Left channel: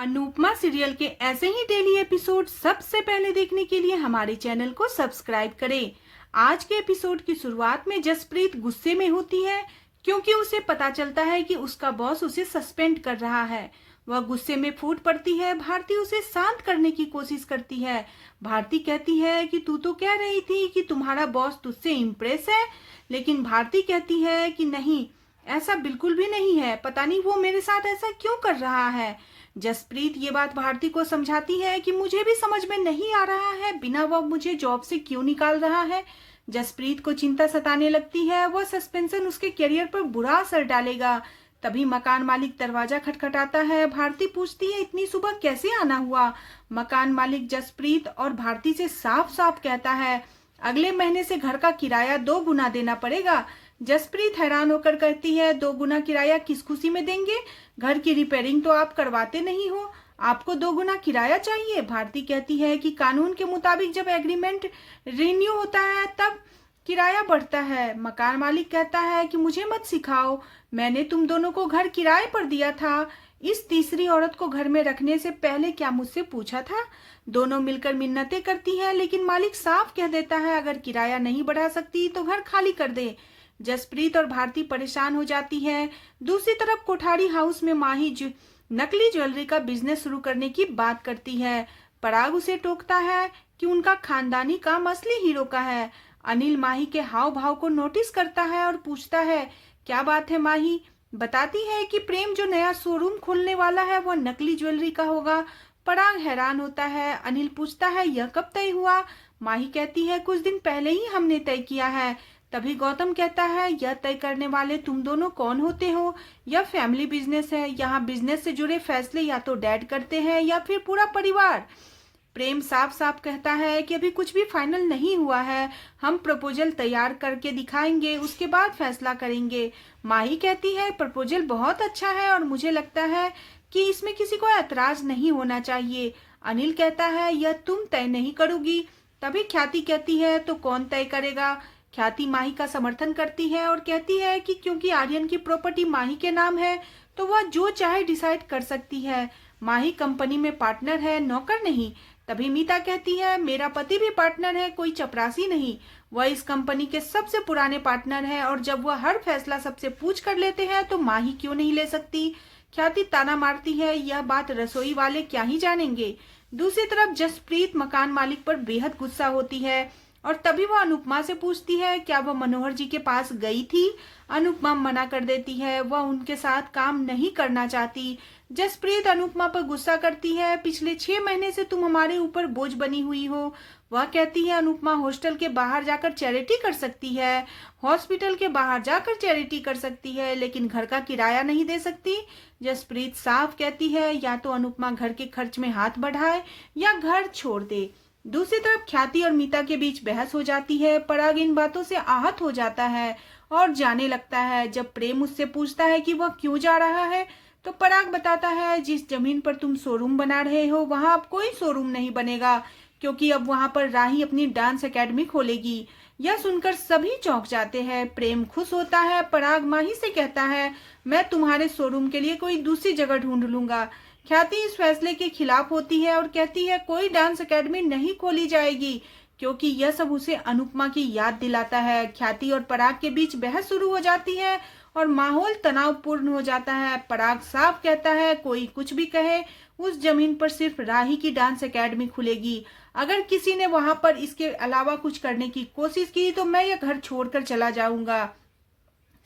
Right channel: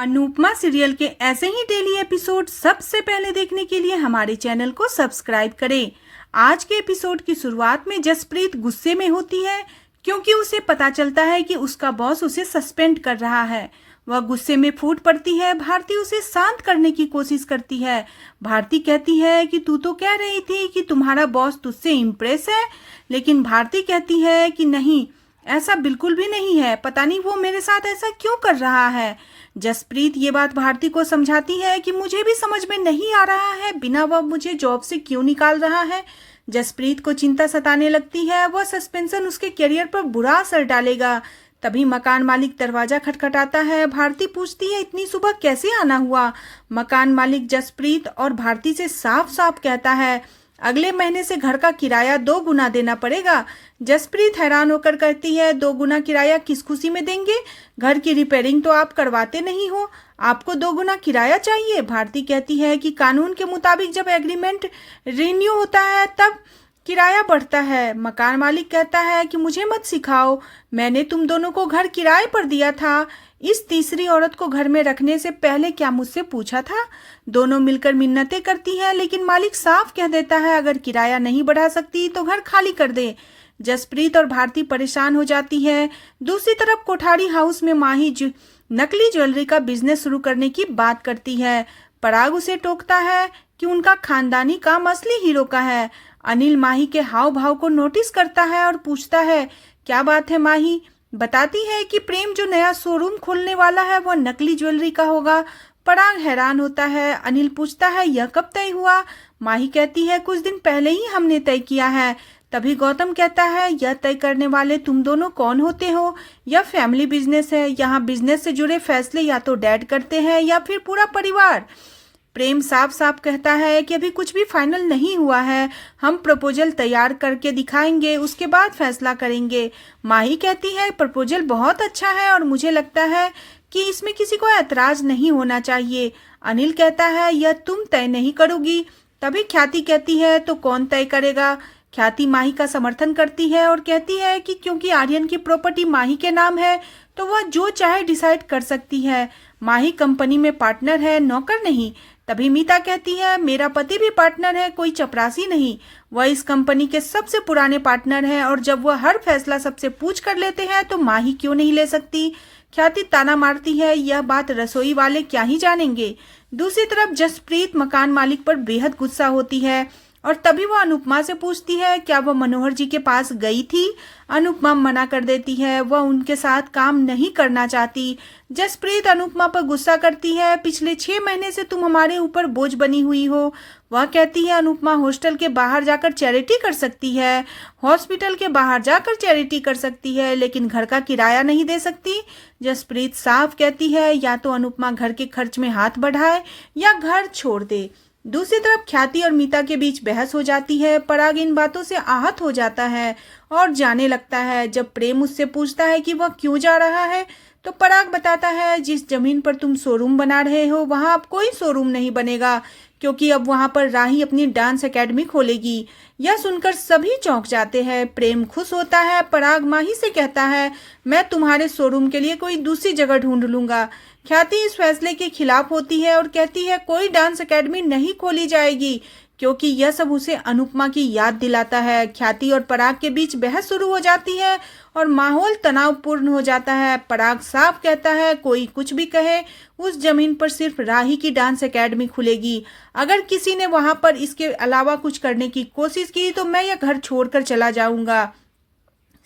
Anupama serial के ऐसे ही daily episode सबसे पहले देखने के लिए हमारे चैनल को सब्सक्राइब करें। आज के एपिसोड की शुरुआत में जसप्रीत गुस्से में होती है क्योंकि उसे पता चलता है कि उसका बॉस उसे सस्पेंड कर रहा है। वह गुस्से में फूट पड़ती है। भारती उसे शांत करने की कोशिश करती है। भारती कहती है कि तू तो कह रही थी कि तुम्हारा बॉस तुझसे इम्प्रेस है, लेकिन भारती कहती है कि नहीं, ऐसा बिल्कुल भी नहीं है। पता नहीं वो मेरे साथ ऐसा क्यों कर रहा है। जसप्रीत ये बात भारती को समझाती है कि मुझे भी समझ में नहीं आ रहा है, बिना वह मुझे जॉब से क्यों निकाल रहा है। जसप्रीत को चिंता सताने लगती है। वह सस्पेंशन उसके करियर पर बुरा असर डालेगा। तभी मकान मालिक दरवाजा खटखटाता है। भारती पूछती है इतनी सुबह कैसे आना हुआ। मकान मालिक जसप्रीत और भारती से साफ साफ कहता है अगले महीने से घर का किराया 2 गुना देना पड़ेगा। जसप्रीत हैरान होकर कहती है 2 गुना किराया किस खुशी में देंगे? घर की रिपेयरिंग तो आप करवाते नहीं हो, आपको 2 गुना किराया चाहिए। भारती कहती है कि कानून के मुताबिक जब एग्रीमेंट रिन्यू होता है तब किराया बढ़ता है। मकान मालिक कहता है कि मुझे मत सिखाओ, मैंने तुम दोनों को घर किराए पर दिया था। इस तीसरी औरत को घर में रखने से पहले क्या मुझसे पूछा था? दोनों मिलकर मिन्नतें करती हैं, लेकिन मालिक साफ कह देता है अगर किराया नहीं बढ़ा सकती तो घर खाली कर दे। जसप्रीत और भारती परेशान हो जाती है। दूसरी तरफ कोठारी हाउस में माही नकली ज्वेलरी का बिजनेस शुरू करने की बात करती है। पराग उसे टोकता है कि उनका खानदानी काम असली हीरो का है। अनिल माही के हाव भाव को नोटिस करता है और पूछता है क्या बात है। माही बताती है कि प्रेम जो नया शोरूम खोलने वाला है वह नकली ज्वेलरी का होगा। पराग हैरान होता है। अनिल पूछता है यह कब तय हुआ? माही कहती है कुछ दिन पहले ही हमने तय किया है। तभी गौतम कहता है यह तय करने वाले तुम दोनों कौन होते हो? यह फैमिली बिजनेस है, यहाँ बिजनेस से जुड़े फैसले या तो डैड करते हैं या फिर पूरा परिवार। प्रेम साफ साफ कहता है कि अभी कुछ भी फाइनल नहीं हुआ है, हम प्रपोजल तैयार करके दिखाएंगे, उसके बाद फैसला करेंगे। माही कहती है प्रपोजल बहुत अच्छा है और मुझे लगता है कि इसमें किसी को ऐतराज नहीं होना चाहिए। अनिल कहता है यह तुम तय नहीं करोगी। तभी ख्याति कहती है तो कौन तय करेगा? ख्याति माही का समर्थन करती है और कहती है कि क्योंकि आर्यन की प्रॉपर्टी माही के नाम है तो वह जो चाहे डिसाइड कर सकती है। माही कंपनी में पार्टनर है, नौकर नहीं। तभी मीता कहती है मेरा पति भी पार्टनर है, कोई चपरासी नहीं। वह इस कंपनी के सबसे पुराने पार्टनर है और जब वह हर फैसला सबसे पूछ कर लेते हैं तो माही क्यों नहीं ले सकती? ख्याति ताना मारती है यह बात रसोई वाले क्या ही जानेंगे। दूसरी तरफ जसप्रीत मकान मालिक पर बेहद गुस्सा होती है और तभी वह अनुपमा से पूछती है क्या वह मनोहर जी के पास गई थी। अनुपमा मना कर देती है, वह उनके साथ काम नहीं करना चाहती। जसप्रीत अनुपमा पर गुस्सा करती है पिछले 6 महीने से तुम हमारे ऊपर बोझ बनी हुई हो। वह कहती है अनुपमा हॉस्टल के बाहर जाकर चैरिटी कर सकती है, हॉस्पिटल के बाहर जाकर चैरिटी कर सकती है, लेकिन घर का किराया नहीं दे सकती। जसप्रीत साफ कहती है या तो अनुपमा घर के खर्च में हाथ बढ़ाए या घर छोड़ दे। दूसरी तरफ ख्याति और मीता के बीच बहस हो जाती है। पराग इन बातों से आहत हो जाता है और जाने लगता है। जब प्रेम उससे पूछता है कि वह क्यों जा रहा है तो पराग बताता है जिस जमीन पर तुम शोरूम बना रहे हो वहां अब कोई शोरूम नहीं बनेगा, क्योंकि अब वहां पर राही अपनी डांस एकेडमी खोलेगी। यह सुनकर सभी चौंक जाते हैं। प्रेम खुश होता है। पराग माही से कहता है मैं तुम्हारे शोरूम के लिए कोई दूसरी जगह ढूंढ लूंगा। ख्याति इस फैसले के खिलाफ होती है और कहती है कोई डांस एकेडमी नहीं खोली जाएगी, क्योंकि यह सब उसे अनुपमा की याद दिलाता है। ख्याति और पराग के बीच बहस शुरू हो जाती है और माहौल तनावपूर्ण हो जाता है। पराग साफ कहता है कोई कुछ भी कहे, उस जमीन पर सिर्फ राही की डांस एकेडमी खुलेगी। अगर किसी ने वहां पर इसके अलावा कुछ करने की कोशिश की तो मैं यह घर छोड़कर चला जाऊंगा।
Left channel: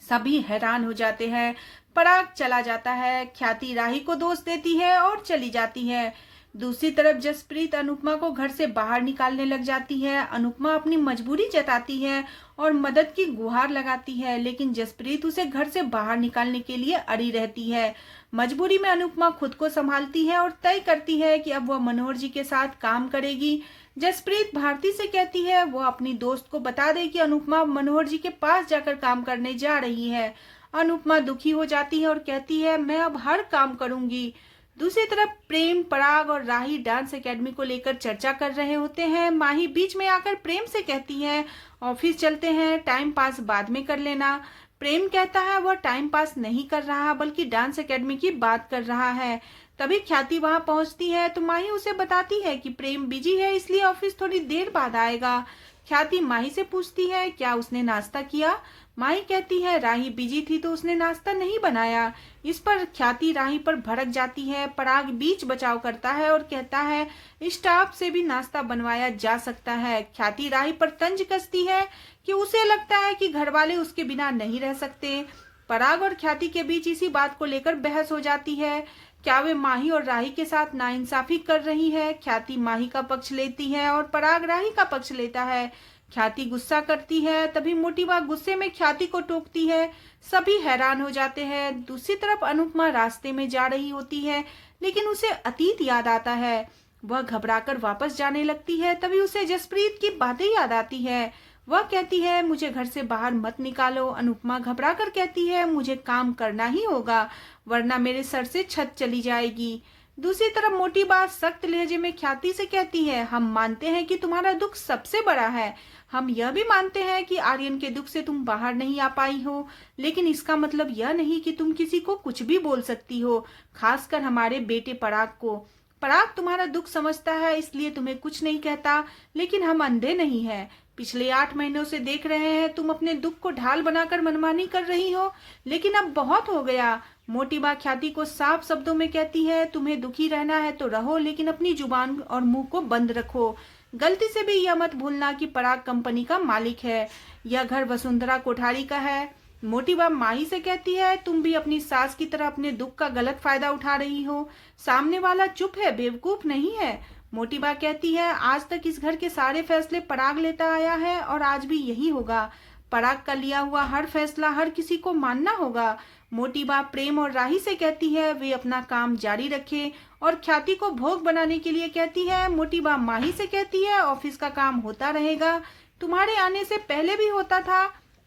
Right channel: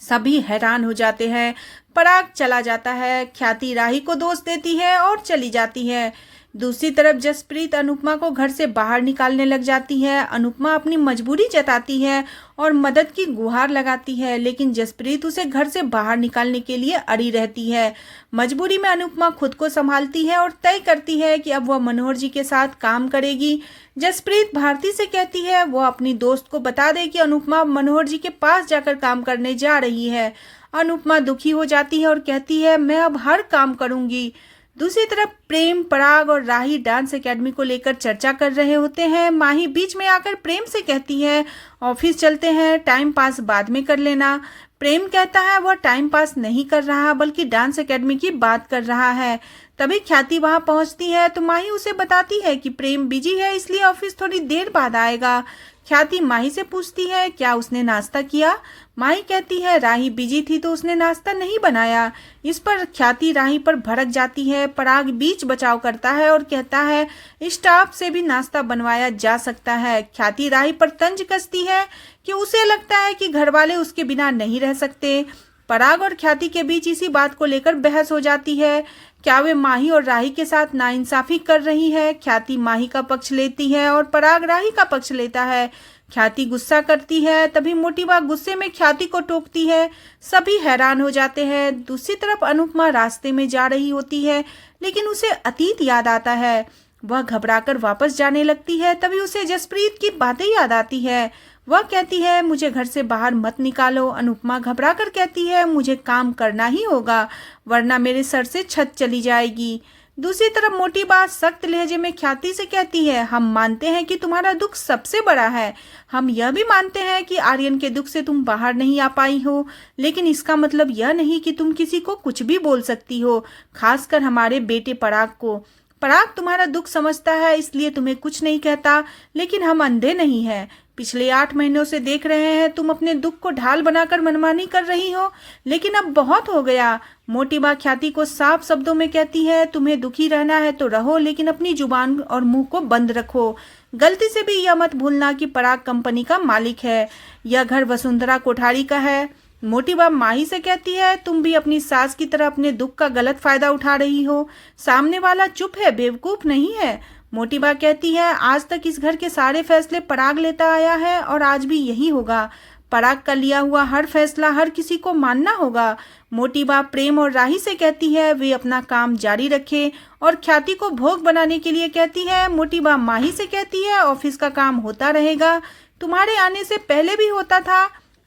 सभी हैरान हो जाते हैं। पराग चला जाता है। ख्याति राही को दोष देती है और चली जाती है। दूसरी तरफ जसप्रीत अनुपमा को घर से बाहर निकालने लग जाती है। अनुपमा अपनी मजबूरी जताती है और मदद की गुहार लगाती है, लेकिन जसप्रीत उसे घर से बाहर निकालने के लिए अड़ी रहती है। मजबूरी में अनुपमा खुद को संभालती है और तय करती है कि अब वह मनोहर जी के साथ काम करेगी। जसप्रीत भारती से कहती है वह अपनी दोस्त को बता दे कि अनुपमा मनोहर जी के पास जाकर काम करने जा रही है। अनुपमा दुखी हो जाती है और कहती है मैं अब हर काम करूंगी। दूसरी तरफ प्रेम, पराग और राही डांस एकेडमी को लेकर चर्चा कर रहे होते हैं। माही बीच में आकर प्रेम से कहती है ऑफिस चलते हैं, टाइम पास बाद में कर लेना। प्रेम कहता है वह टाइम पास नहीं कर रहा बल्कि डांस एकेडमी की बात कर रहा है। तभी ख्याति वहां पहुंचती है तो माही उसे बताती है कि प्रेम बिजी है, इसलिए ऑफिस थोड़ी देर बाद आएगा। ख्याति माही से पूछती है क्या उसने नाश्ता किया। माही कहती है राही बिजी थी तो उसने नाश्ता नहीं बनाया। इस पर ख्याति राही पर भड़क जाती है। पराग बीच बचाव करता है और कहता है स्टाफ से भी नाश्ता बनवाया जा सकता है। ख्याति राही पर तंज कसती है कि उसे लगता है कि घरवाले उसके बिना नहीं रह सकते। पराग और ख्याति के बीच इसी बात को लेकर बहस हो जाती है। क्या वे माही और राही के साथ नाइंसाफी कर रही है। ख्याति माही का पक्ष लेती है और पराग राही का पक्ष लेता है। ख्याति गुस्सा करती है, तभी मोटी बा गुस्से में ख्याति को टोकती है। सभी हैरान हो जाते हैं। दूसरी तरफ अनुपमा रास्ते में जा रही होती है, लेकिन उसे अतीत याद आता है। वह घबराकर वापस जाने लगती है। तभी उसे जसप्रीत की बातें याद आती है। वह कहती है मुझे घर से बाहर मत निकालो। अनुपमा घबराकर कहती है मुझे काम करना ही होगा, वरना मेरे सर से छत चली जाएगी। दूसरी तरफ मोटी बात सख्त लहजे में ख्याति से कहती है हम मानते हैं कि तुम्हारा दुख सबसे बड़ा है। हम यह भी मानते हैं कि आर्यन के दुख से तुम बाहर नहीं आ पाई हो, लेकिन इसका मतलब यह नहीं कि तुम किसी को कुछ भी बोल सकती हो, खासकर हमारे बेटे पराग को। पराग तुम्हारा दुख समझता है, इसलिए तुम्हें कुछ नहीं कहता, लेकिन हम अंधे नहीं हैं। पिछले 8 महीनों से देख रहे हैं तुम अपने दुख को ढाल बनाकर मनमानी कर रही हो, लेकिन अब बहुत हो गया। मोटी बा ख्याति को साफ शब्दों में कहती है तुम्हें दुखी रहना है तो रहो, लेकिन अपनी जुबान और मुंह को बंद रखो। गलती से भी यह मत भूलना कि पराग कंपनी का मालिक है। यह घर वसुंधरा कोठारी का है। मोटी बा माही से कहती है तुम भी अपनी सास की तरह अपने दुख का गलत फायदा उठा रही हो। सामने वाला चुप है, बेवकूफ नहीं है। मोटी बा कहती है आज तक इस घर के सारे फैसले पराग लेता आया है और आज भी यही होगा। पराग का लिया हुआ हर फैसला हर किसी को मानना होगा। मोटी बा प्रेम और राही से कहती है वे अपना काम जारी रखे और ख्याति को भोग बनाने के लिए कहती है। मोटी बा माही से कहती है ऑफिस का काम होता रहेगा, तुम्हारे आने से पहले भी होता था।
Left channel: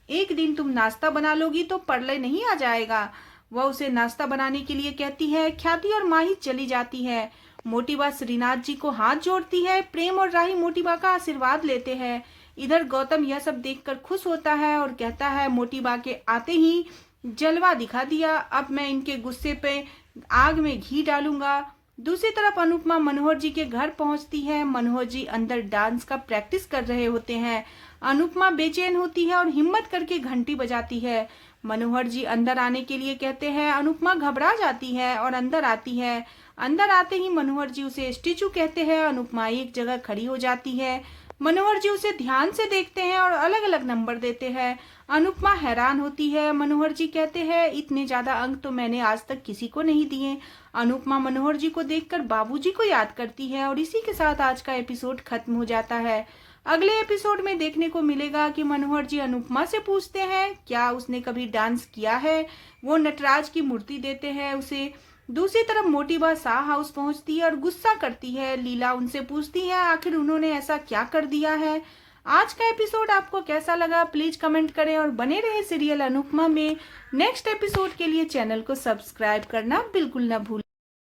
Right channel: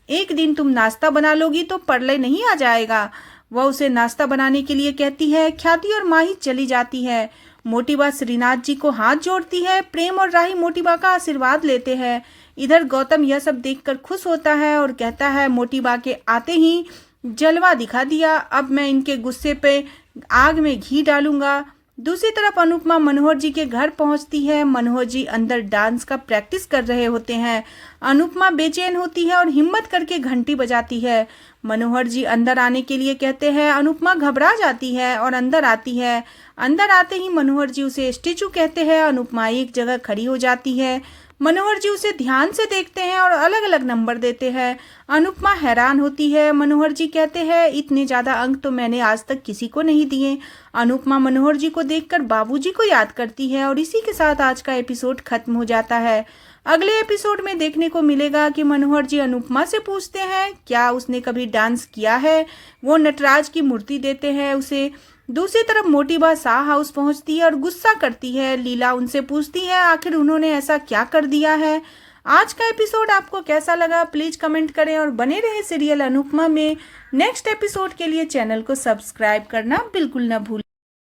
एक दिन तुम नाश्ता बना लोगी तो प्रलय नहीं आ जाएगा। वह उसे नाश्ता बनाने के लिए कहती है। ख्याति और माही चली जाती है। मोटी बा श्रीनाथ जी को हाथ जोड़ती है। प्रेम और राही मोटी बा का आशीर्वाद लेते हैं। इधर गौतम यह सब देखकर खुश होता है और कहता है मोटी बा के आते ही जलवा दिखा दिया, अब मैं इनके गुस्से पे आग में घी डालूंगा। दूसरी तरफ अनुपमा मनोहर जी के घर पहुंचती है। मनोहर जी अंदर डांस का प्रैक्टिस कर रहे होते हैं। अनुपमा बेचैन होती है और हिम्मत करके घंटी बजाती है। मनोहर जी अंदर आने के लिए कहते हैं। अनुपमा घबरा जाती है और अंदर आती है। अंदर आते ही मनोहर जी उसे स्टेचू कहते हैं। अनुपमा एक जगह खड़ी हो जाती है। मनोहर जी उसे ध्यान से देखते हैं और अलग अलग नंबर देते हैं। अनुपमा हैरान होती है। मनोहर जी कहते हैं इतने ज्यादा अंक तो मैंने आज तक किसी को नहीं दिए। अनुपमा मनोहर जी को देखकर बाबूजी को याद करती है और इसी के साथ आज का एपिसोड खत्म हो जाता है। अगले एपिसोड में देखने को मिलेगा कि मनोहर जी अनुपमा से पूछते हैं क्या उसने कभी डांस किया है। वो नटराज की मूर्ति देते हैं उसे। दूसरी तरफ मोटी बा शाह हाउस पहुंचती है और गुस्सा करती है। लीला उनसे पूछती है आखिर उन्होंने ऐसा क्या कर दिया है। आज का एपिसोड आपको कैसा लगा प्लीज कमेंट करें और बने रहे सीरियल अनुपमा में नेक्स्ट एपिसोड के लिए चैनल को सब्सक्राइब करना बिल्कुल न भूलें।